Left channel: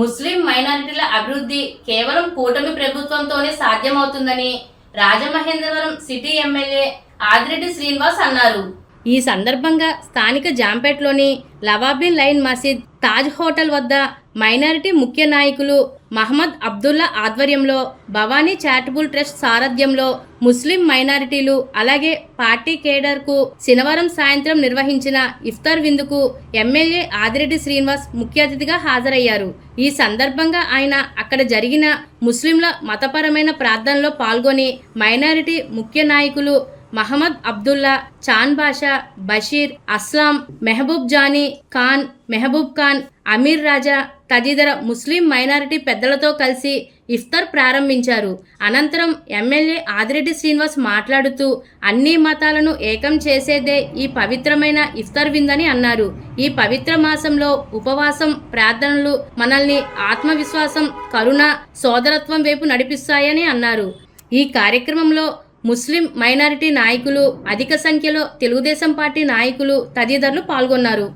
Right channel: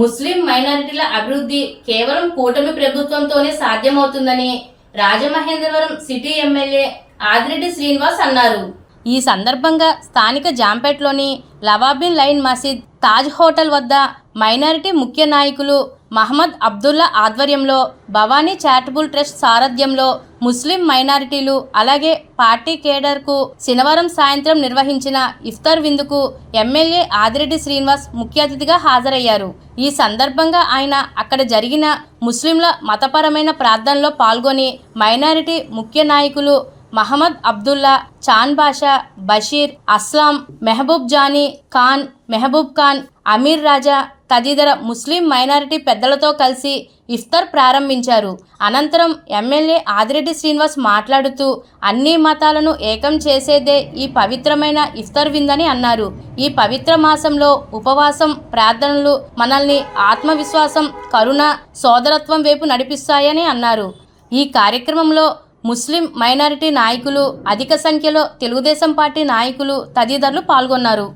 ముస్లిం మైనారిటీల అభివృద్ధి కేవలం కూటమి ప్రభుత్వంతోనే సాధ్యమవుతుందని రాజమహేంద్రవరం సిటీ ఎమ్మెల్యే ఆదిరెడ్డి శ్రీనివాస్ అన్నారు. ఈ సందర్భంగా స్థానిక జాంపేట్లోని లవాబిన్ లైన్ మసీద్ తాజ్ హోటల్ వద్ద మైనారిటీ ముఖ్య నాయకులు మహమ్మద్ అబ్దుల్లా ఆధ్వర్యంలో భవానీ చారిటబుల్ ట్రస్ట్ సారథ్యంలో ముస్లిం మైనారిటీలు అలాగే పార్టీ కేడర్కు శనివారం సాయంత్రం నిర్వహించిన ఇఫ్తార్ విందుకు ఎమ్మెల్యే ఆదిరెడ్డి శ్రీనివాస్ ముఖ్య అతిథిగా హాజరయ్యారు. ఈ సందర్భంగా ఆయన అక్కడ జరిగిన ముస్లింల మతపరమైన ప్రార్థనలో పాల్గొని మైనారిటీ ముఖ్య నాయకులు మహమ్మద్ అబ్దుల్లా, చాన్ బాషా, బషీర్, అస్లాం, మెహబూబ్ జానీ ఖాన్, మెహబూబ్ ఖాన్, అమీర్ రాజా తదితర ముస్లిం మైనారిటీ పెద్దలతో కలిసి ఇఫ్తార్ ప్రారంభించారు. అనంతరం ఎమ్మెల్యే ఆదిరెడ్డి శ్రీనివాస్ మాట్లాడుతూ అన్ని మతాలను ఏకం చేసేదే ఈ పవిత్రమైన ఇఫ్తార్ విందని అన్నారు. ఈ పవిత్ర మాసంలో ఉపవాసం, ప్రార్థనలు మనల్ని ఆత్మవిశ్వాసం, కరుణ, సోదరత్వం వైపు నడిపిస్తాయని అన్నారు. ఈ కార్యక్రమంలో ముస్లిం మైనారిటీ నాయకులు, అధిక సంఖ్యలో తెలుగుదేశం పార్టీ నాయకులు తదితరులు పాల్గొన్నారు.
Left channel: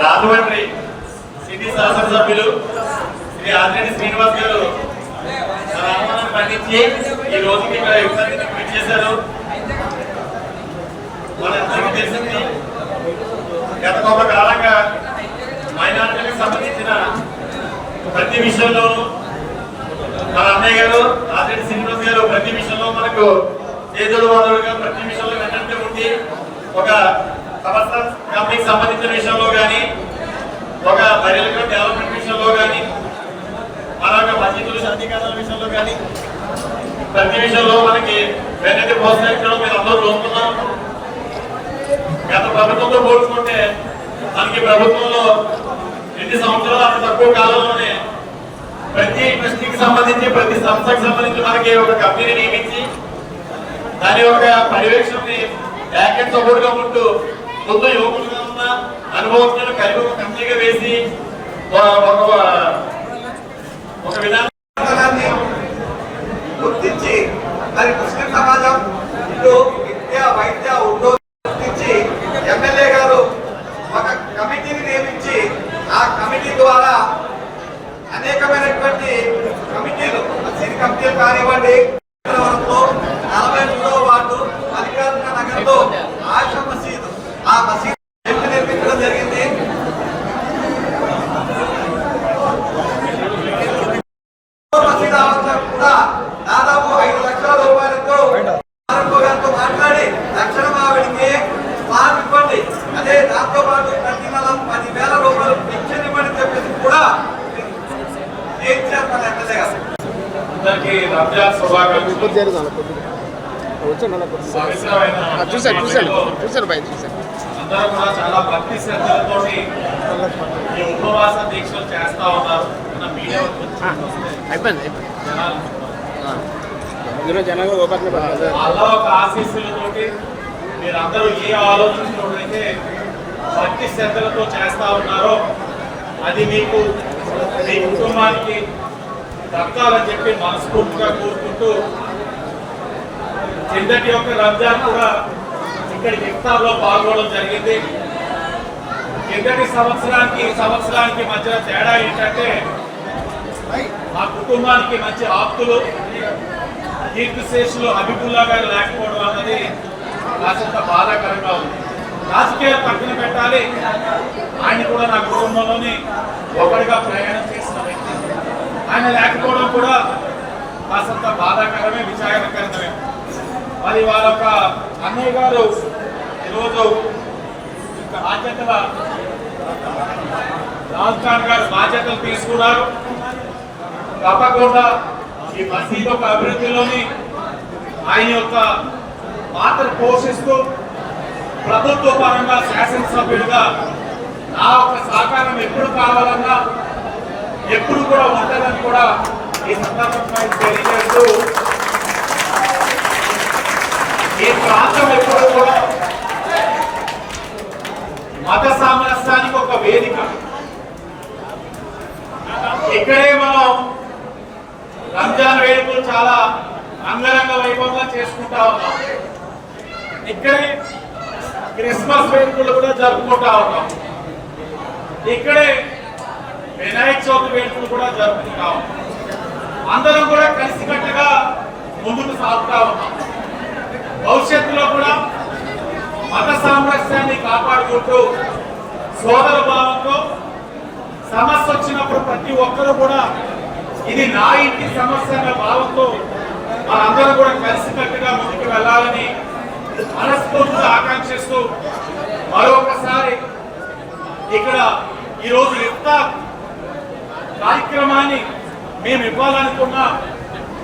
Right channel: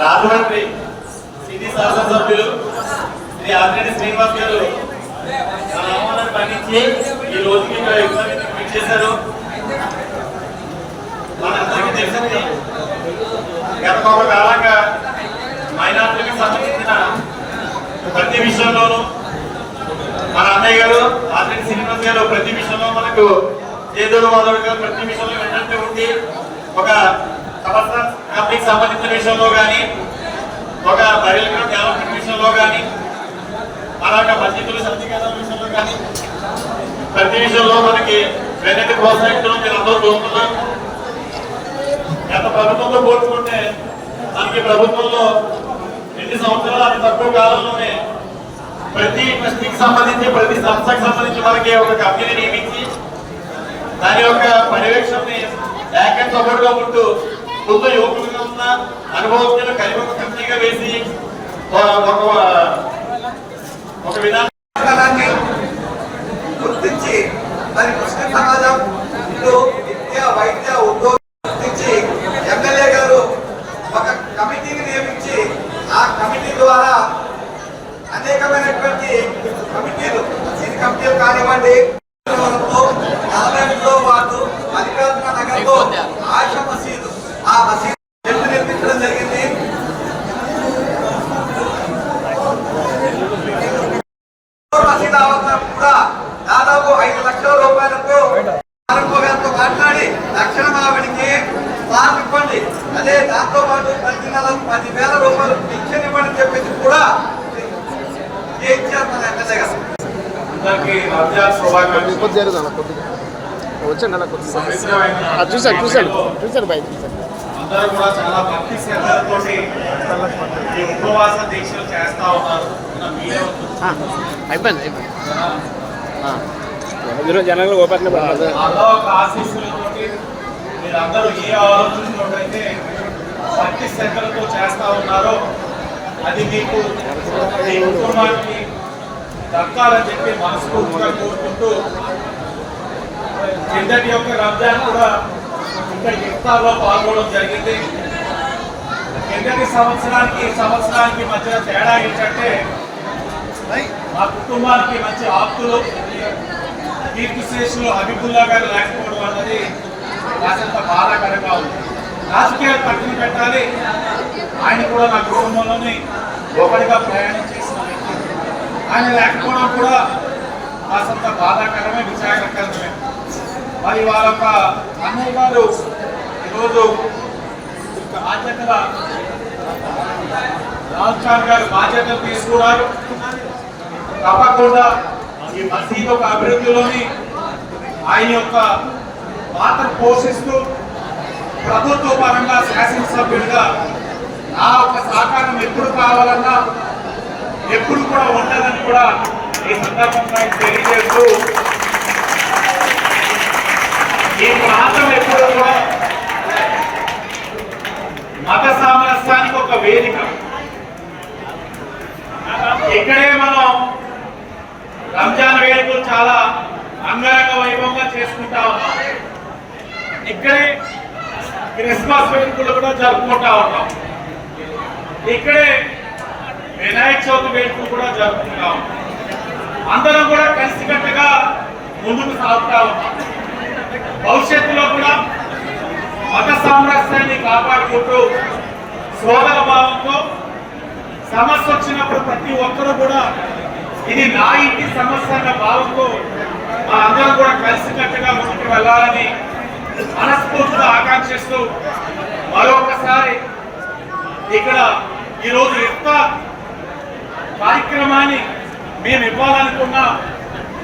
రాజమండ్రి సిటీ శాసనసభ్యులు శ్రీ ఆదిరెడ్డి శ్రీనివాస్ గారు మన ఆహ్వానాన్ని పండించి ఈ రోజుకి ఇక్కడ ఇబ్బంది చేశారు. మనందరికీ తెలిసింది గత కొంతకాలంగా మైనార్టీలకు సంబంధించిన ప్రతి విషయంలోనూ మన అన్నయ్య గారు ఆదిరెడ్డి శ్రీనివాస్ గారు ప్రతి విషయంలో మనకు ఏదో వాదోడుగా ప్రతి విషయంలో వెంటనే ఉండి ఒక సమస్య కంపెనీకి సంబంధించిన విషయంలో కానీ, ఒక బరిల డెవలప్మెంట్ విషయంలో కానీ, అలాగే మసీదుల సంధికారాల విషయంలో కానీ ప్రతి విషయంలో మనకి వెనక్కి ప్రోత్సహించడం మీరు అందరూ చూస్తున్నారు. గత ప్రభుత్వంలో పోల్చుకుంటే మనకి ప్రభుత్వంలో 2 సంవత్సరాలు అంత తక్కువ కాలంలోనే ప్రతి ట్రస్టీకి సంబంధించి ప్రతి సంస్థకు సంబంధించి మనకి ఒక కంపెనీ నియమించి దాని యొక్క పర్యవేక్షణని ప్యాకెట్ సపోర్ట్గా ఉంటూ ముందు యువకులుగా ఉన్న అనుభవజ్ఞులు కలిపి ఒక కంపెనీగా వేసి ఒక విధానాన్ని గుర్తించి మరి ముస్లిం సమాజం విద్య, వైద్య, ఉద్యోగం గుర్తించి ఎమ్మెల్యే గారు ఒక కమిటీని నియమించి ఆ కమిటీ ద్వారా అనేకమైనటువంటి కమిటీలు, మసీద్ కమిటీలు కానివ్వండి, 43వ వార్డు మల్లికార్జున నగర్లో ఆశా మసీదు, ఆ మసీదు నిర్మించడం జరిగింది. మసీదు కూడా దాదాపు 5 లక్షల రూపాయలతో గారితో మాట్లాడి తక్షణం ఆవిడికి స్థానం ఇవ్వండి, అదే దాంతో పాటు ప్రతి నెల 10,000 రూపాయలు పింఛన్ ఇవ్వని చెప్పేసి కూడా ఇచ్చారు మన ఎమ్మెల్యే గారు. అందరికీ రంజాన్ శుభాకాంక్షలు. అందరూ కూడా చాలా భక్తి శ్రద్ధలతో ఈ ఉపవాస దీక్షలు చేస్తా ఉన్నారు. అలా ఒక ఆశీస్సులతోటి మీరందరూ ఏ ఆలోచించినట్లయితే భక్తి శ్రద్ధలతో చేస్తా ఉన్నారో అది మీకు, మీ కుటుంబానికి దక్కాలని చెప్పి మనస్ఫూర్తిగా కోరుకుంటూ, కిందటి యొక్క రంజాన్ కూడా ఇక్కడికి ఇఫ్తార్లో పాల్గొనడం జరిగింది. కిందటి సంవత్సరానికి మధ్య తేడా ఏంటంటే మా కుటుంబానికి మంచి ఆప్తులు కీర్తిశేషులు హబీబుల్లా గారు లేకపోవడం అన్నది కాసంత బాధాకరంగా ఉంది. రాజకీయాలు పక్కన పెట్టాలి, ఆయన కూడా నా కుటుంబంలోని ఒకటిగా ప్రయాణం చేసిన వ్యక్తి. ఆయన లేకపోవడం కూడా కాసంత బాధాకరమే, విచారకరమే. మరి వాళ్ళొక అన్నయ్య గారు ఈరోజు బాధ్యతల రాజస్థాన్ గారు బాధ్యతలు తీసుకున్నారు. తప్పకుండా ఈ మసీదు యొక్క అభివృద్ధిలోని ఆయన యొక్క పాత్ర పోషిస్తూ ప్రభుత్వ పరంగా శాసనసభ్యుడిగా నా ఒక సహకారం ఎప్పుడు కావాలన్నా ఎప్పుడు కూడా ఉంటుందని కూడా ఈ సందర్భంగా తెలియజేస్తూ ఈ ప్రాంతం ఎప్పుడు కూడా మత సామరస్యానికి ఒక వేదిక. ఇక్కడే మనం రంజాన్ వేడుకలు చాలా అంగరంగ వైభవంగా చేసుకుంటా ఉన్నాం. ఇక్కడే క్రిస్మస్ వేడుకలు కూడా జరుపుకుంటా ఉన్నాం. ఇక్కడే వినాయక చవితి వేడుకలు కూడా జరుపుకుంటా ఉన్నాం. అందరం కూడా కలిసికట్టుగా ముందుకు సాగుతా ఉన్నాం. భవిష్యత్తులో కూడా మత సామరస్యాన్ని కాపాడుకుంటూ సోదర భావంతో సమస్య వచ్చినప్పుడు ప్రతి ఒక్కరూ కూడా ఇది నా ఇంటి సమస్య అన్న భావంతో మనందరం కూడా కలిసికట్టుగా ముందుకు వెళ్ళాలని మనస్ఫూర్తిగా ఆకాంక్షిస్తూ మరొకసారి ఇక్కడ ఈరోజు ఇఫ్తార్ కార్యక్రమాన్ని మేము ఇవ్వాలనుకున్న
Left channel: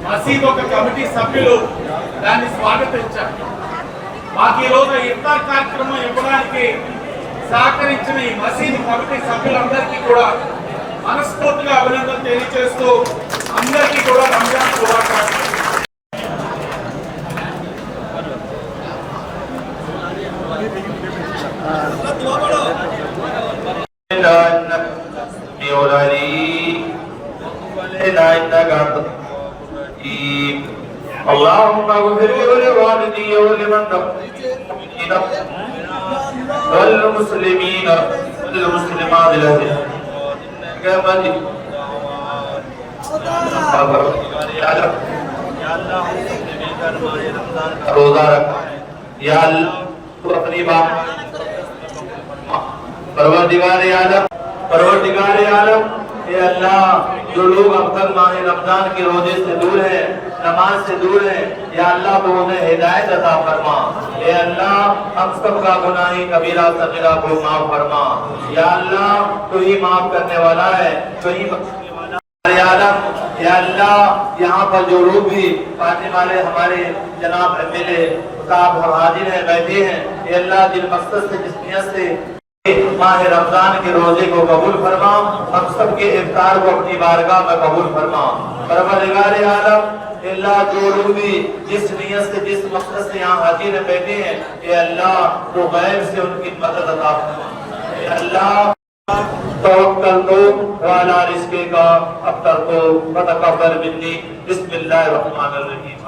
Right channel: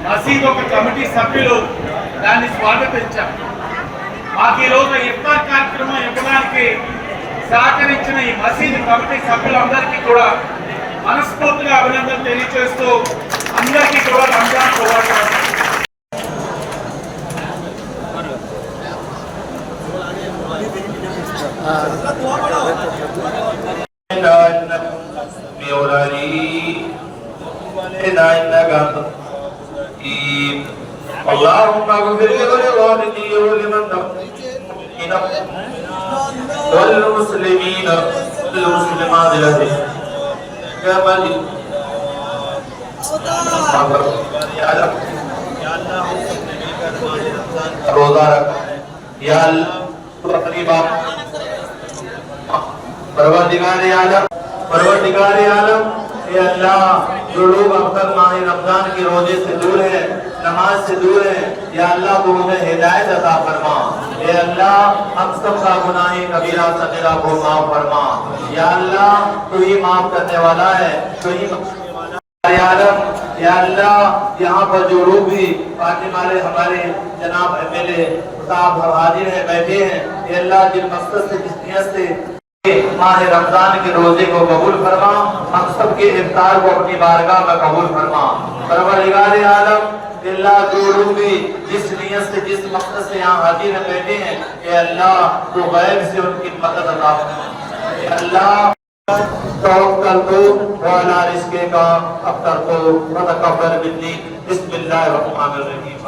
మసీద్ ఒక కమిటీ సభ్యులు దాన్ని స్వాగతించారు. మాకు ఈరోజు ఇఫ్తార్ కార్యక్రమం ఇవ్వడానికి సహకరించిన ఈ మసీద్ కమిటీ సభ్యులందరికీ కూడా మనస్ఫూర్తిగా అభినందనలు తెలియజేస్తూ అందరికీ కూడా రంజాన్ శుభాకాంక్షలు. اللهم اغفر لوالدي ولمن والمسلمين والمسلمات لهم قبل रोजा रखा या अल्लाह अपनी बात परवरदिगार आलम ये अल्लाह जो लोग अब तक माह रमजान के रोजे से दूर है, नमाज से दूर है, या अल्लाह को उन्हें हिदायत अता फरमा। या अल्लाह हम सब का गुनाह कबीरा सगीरा को माफ फरमा। या अल्लाह तू ही माफ करने वाला है, तू ही बख्शने वाला है। या अल्लाह यहाँ पर जो लोग भी पार्टी वाले हमारे जनाब एमएलए साहब हाजिर हैं, बैठे हैं, ये अल्लाह जिन मकसद से जिस नियत से माह रमजान के रोजे को कबूल फरमा, हम सब के इफ्तार को अपनी बारगाह में कबूल फरमा। परवरदिगार आलम अल्लाह जो लोग भी जिस नियत से जिस मकसद से यहाँ हाजिर बैठे हैं, ये अल्लाह को गैब से उनकी मदद अता फरमा। अल्लाह तवक्कल को वाला रिज़्क़े का अख्तर को वतकब्बर मिन्नी बिस्मिल्लाहिर रहमानिर रहीम।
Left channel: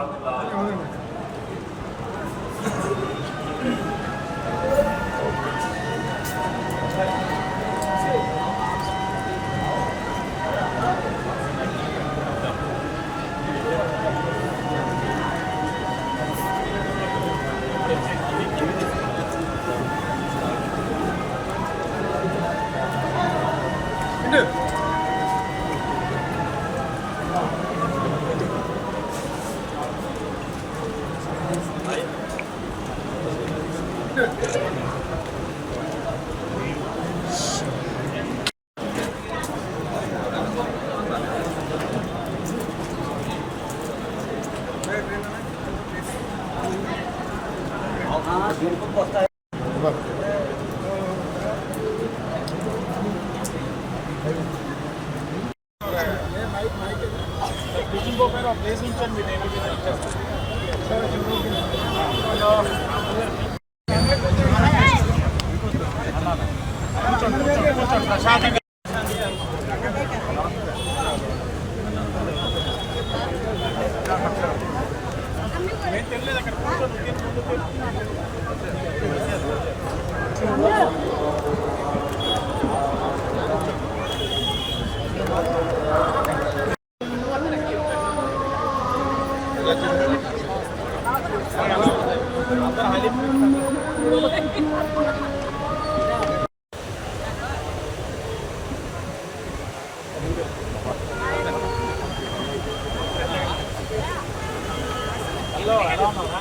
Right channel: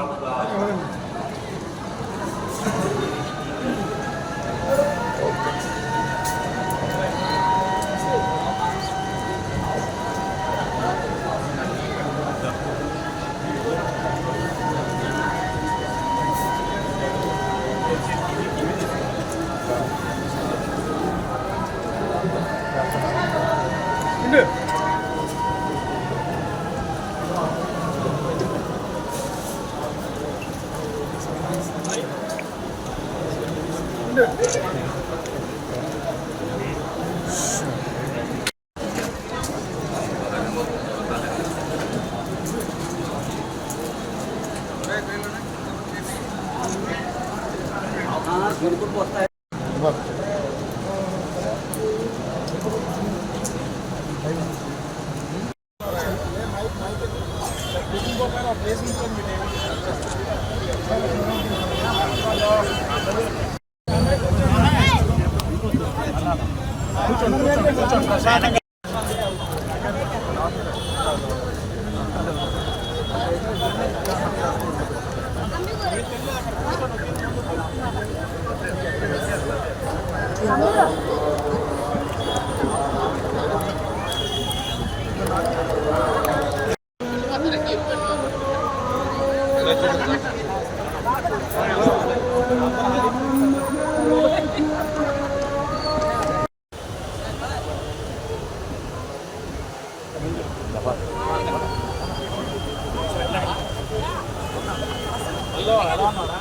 హలో ఎలా ఉన్నారా?